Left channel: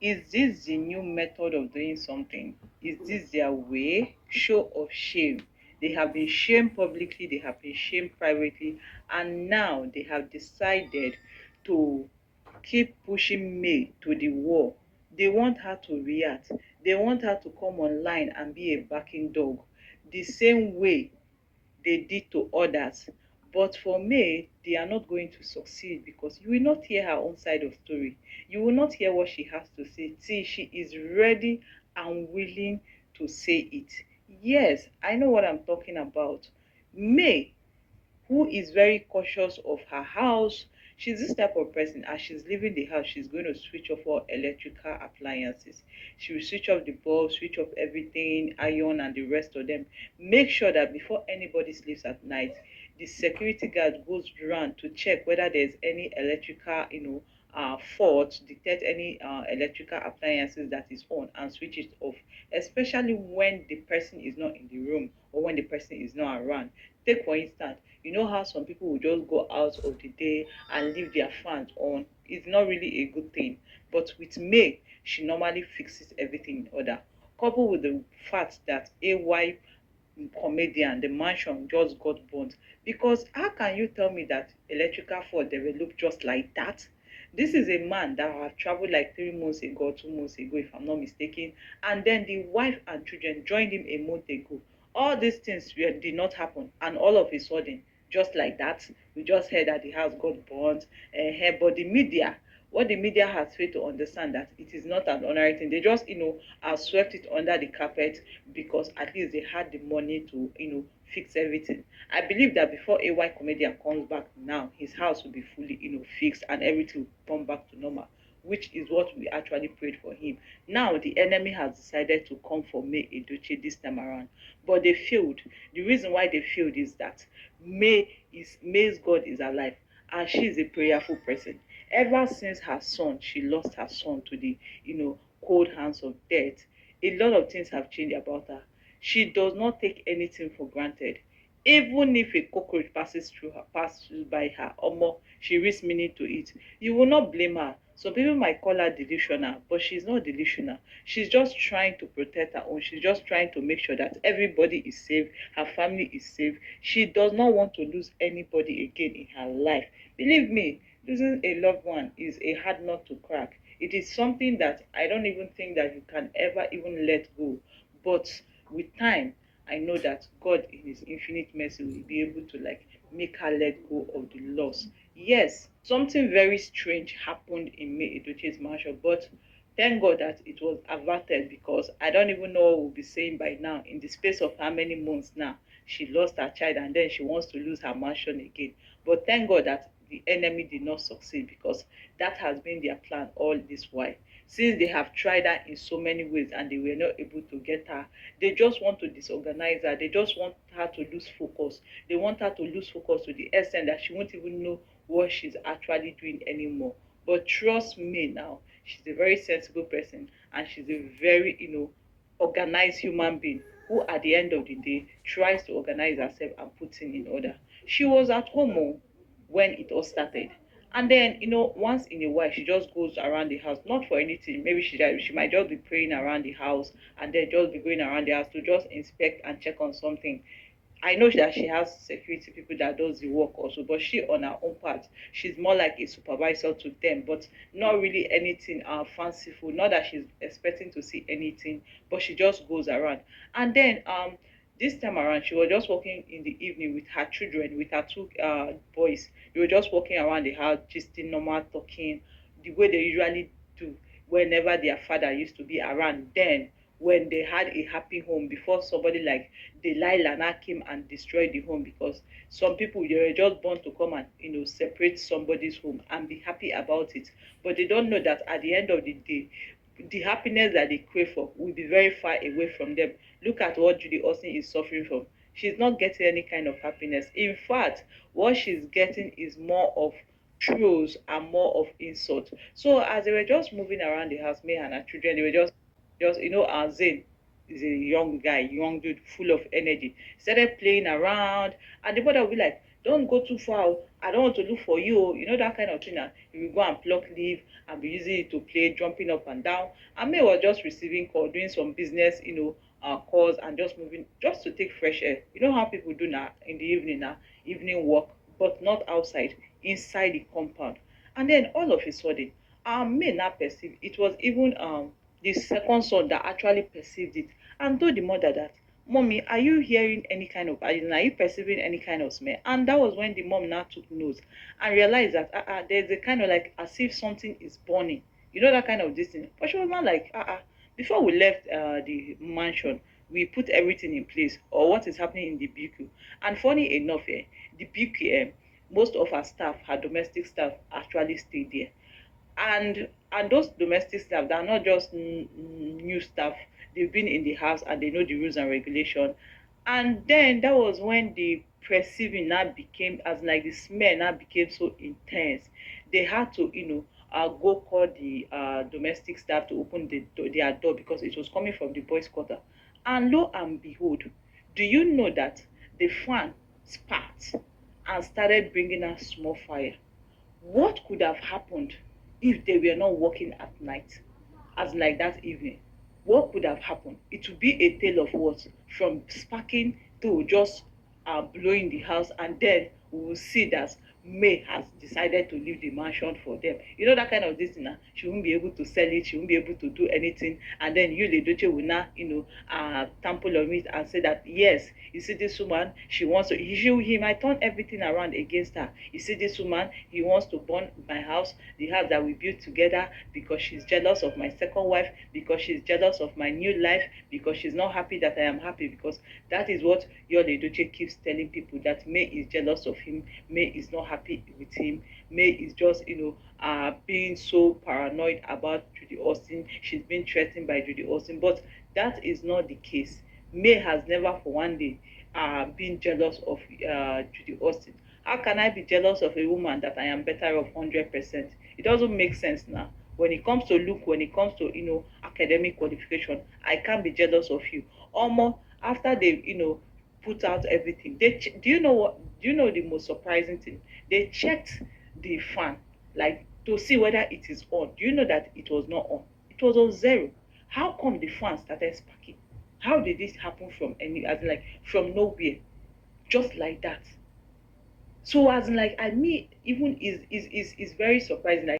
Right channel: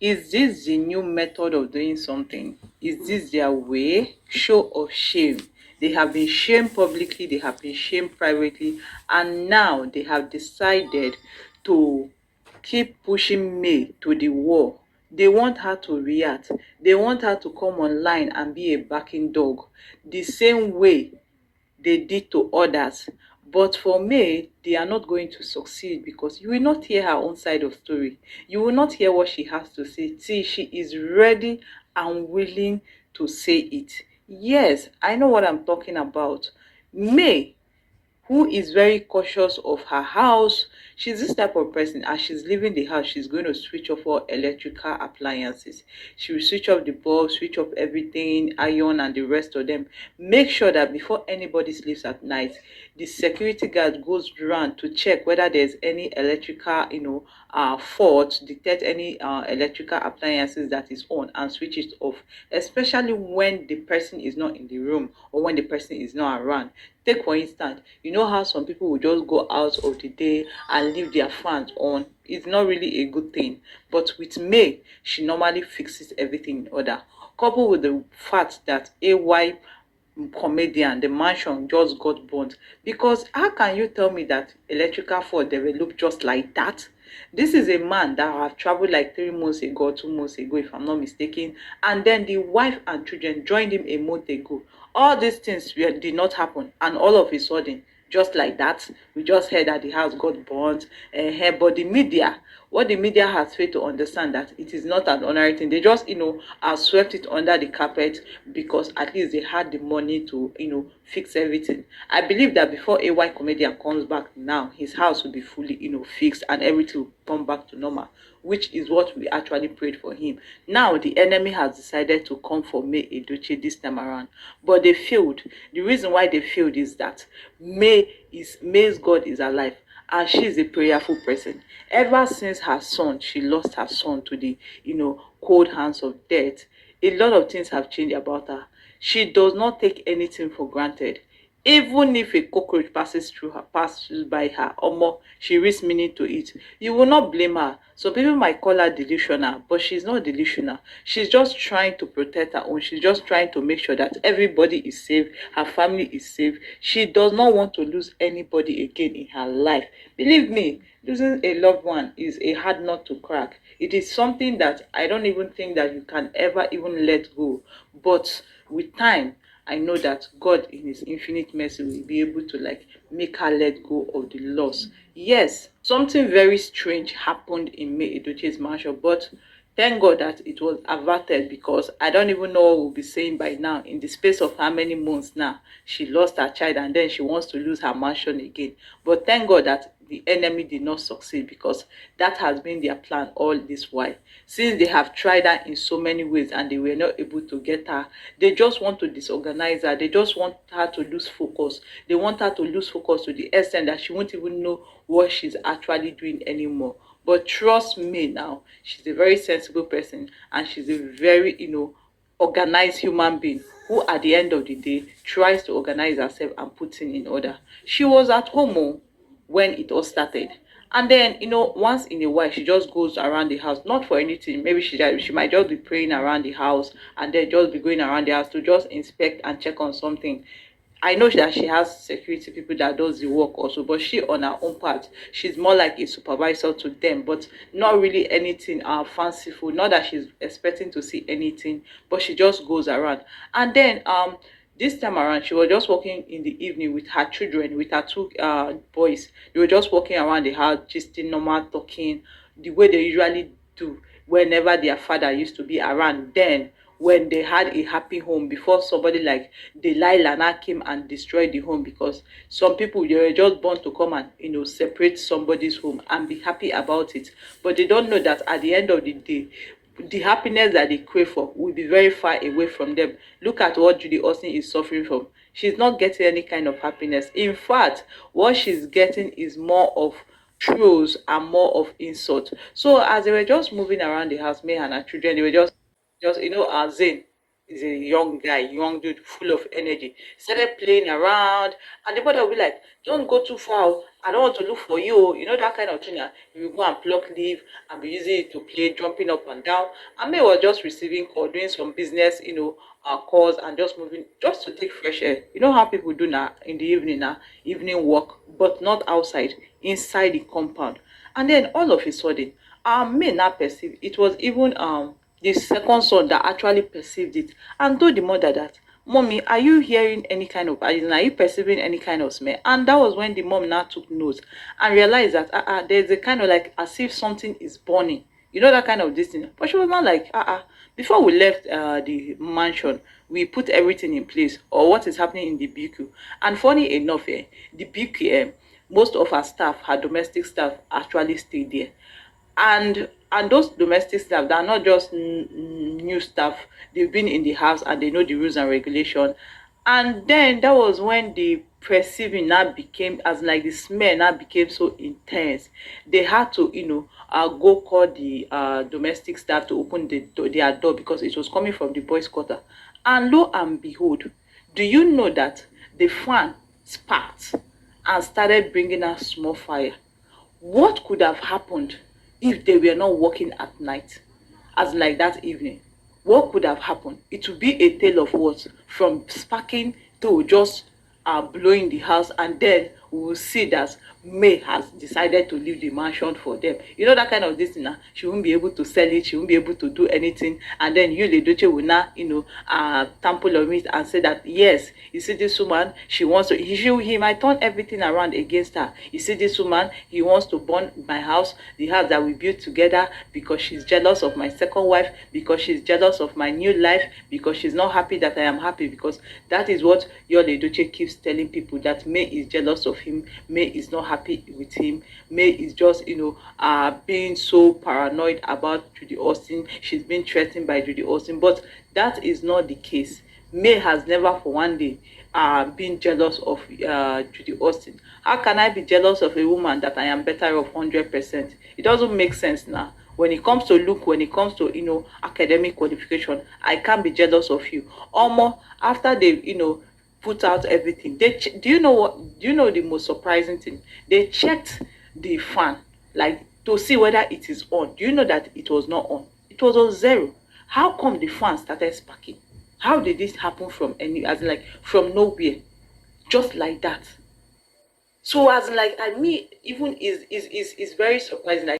Is this the new method of doing something? Is this their way? Show of shame. They have been shamed publicly, they have been shamed privately, and now they have decided to keep pushing May to the wall. They want her to react. They want her to come online and be a backing dog, the same way they did to others. But for May, they are not going to succeed because you will not hear her own side of story. You will not hear what she has to say. See, she is ready and willing to say it. Yes, I know what I'm talking about. May, who is very cautious of her house. She's this type of person. As she's leaving the house, she's going to switch off all electrical appliances. She will switch off the bulb, switch off everything, iron and the rest of them. Make sure that before anybody sleeps at night, the security guard goes around to check whether there's any electrical, fault, detect any electrical appliances that is on and switch it off, especially when the person is not in the room or when the person is not around. Take for instance, you know how some people will just go out of the day and leave their fans on. It's not really a good thing. But with May, she normally fixes everything in order. Coupled with the fact that AY comedian, the mansion just got burnt. Because how can you tell me that electrical fault developed just like that? This is a man that have traveled like 3 months ago, 2 months ago, if I'm not mistaken, and then the wife and children joined him a month ago. All these things did not happen, and all of a sudden, just like that, we just heard that the house got burnt. But the media, what the media has failed to understand, that it is not an ordinary thing. They just, swept it under the carpet because at least they had the money to, fix everything. I believe that before AY comedian comes back now, his house will be fully, fixed and everything will come back to normal, which is what we actually prayed for him. Now the enemy has decided to come for May Edochie this time around, but they failed. The reason why they failed is that May's God is alive, and she is a prayerful person. Ever since her son, she lost her son to the, cold hands of death, a lot of things have changed about her. She does not take anything for granted. Even if a cockroach passes by her, or more, she risks meaning to it. You will not blame her. Some people might call her delusional, but she's not delusional. She's just trying to protect her own. She's just trying to make sure that everybody is safe, her family is safe. She does not want to lose anybody again in her life. Believe me, losing a loved one is a hard nut to crack. It is something that I don't even think that you can ever even let go. But with time, I know that God in his infinite mercy will be able to like make her let go of the loss. Yes, something very strange happened in May Edochie's mansion, but thank God that it was averted, because I don't even know what we'll be saying by now. In the space of how many months now, she lost her child and then she wants to lose her mansion again. But thank God that the enemy did not succeed, because that has been their plan all this while. Since they have tried her in so many ways and they were not able to get her, they just want to disorganize her. They just want her to lose focus. They want her to lose focus to the extent that she won't even know what she's actually doing anymore. But trust me now, she's a very sensible person, and she's a very, organized human being who at the end of the day tries to organize herself and put things in order. She was at home, when it all started. And then, once in a while, she just goes around the house, not for anything. Maybe she might just be praying around the house and then just be going around the house to just inspect and check on something. I know that she has security people that does the work also, but she on her own part, she's more like a supervisor to them, but not really anything fanciful. Not that she's expecting to see anything, but she just goes around. And then this time around, she was just walking in the evening with her children, with her two boys. They were just walking around the house, just normal talking, the way they usually do whenever their father used to be around then, when they had a happy home, before somebody like Delilah now came and destroyed the home. Because some people, they were just born to come and separate somebody's home and be happy about it, but they don't know that at the end of the day, the happiness that they crave for will be very far away from them. Look at what Judy Austin is suffering from. She's not getting any kind of happiness. In fact, what she's getting is more of trolls and more of insult. So as they were just moving around the house, May and her children, they were just Zane is a young guy, young dude, full of energy. Started playing around, and the mother will be like, "Don't go too far. Oh. I don't want to look for you. You know, that kind of thing. You will go and pluck leave and be using it to play, jumping up and down. And May was just receiving call, doing some business, calls and just moving, just to take fresh air. You know how people do now in the evening, now evening walk, but not outside, inside the compound. And then all of a sudden, May not perceive. It was even the second son that actually perceived it and told the mother that, Mommy, are you hearing any kind of, are you perceiving any kind of smell? And that was when the mom now took note and realized that there's a kind of like as if something is burning. You know that kind of this thing. But she was not like, before we left the mansion, we put everything in place, or what is happening in the BQ. And funny enough, the BQ, most of our staff, her domestic staff, actually stayed there. And those domestic staff, they are not just new staff. They've been in the house and they know the rules and regulation. And then that was when the perceiving now became, as like the smell now became so intense. They had to, go call the domestic staff to open their door, because it was coming from the boys' quarter. And lo and behold, do you know that the fan sparked and started bringing out small fire? What could have happened if they were not working at night, as like that evening? What could have happened? It would be a tale of what? From sparking to just blowing the house, and then we will see that May has decided to leave the mansion for them. You know that kind of this thing now. She won't be able to sell it, she won't be able to do anything, and then you, Edochie, will now, tamper on it and say that yes, you see this woman, she wants to, he might turn everything around against her. You see this woman, he wants to burn my house, the house that we built together, because she's jealous of my second wife, because she's jealous of my new life, because she's not happy that I am happy, because that is what your Edochie keeps telling people, that May is jealous of him, May is not happy with him, May is just, being so paranoid about Judy Austin. She's been threatened by Judy Austin, but that is not the case. May has never for one day been jealous of Judy Austin. How can I be jealous of a woman that I am better of 100%? It doesn't make sense now. When it comes to look, when it comes to academic qualification, I can't be jealous of you. Almost after they put out everything, do you know what? Do you know the most surprising thing? They checked the fan, like, to see whether it is on. Do you know that it was not on? It was on zero. How come the fan started sparking? How did this happen from as in like from nowhere, just like that? So as in like, I mean, even is very surprising. Like,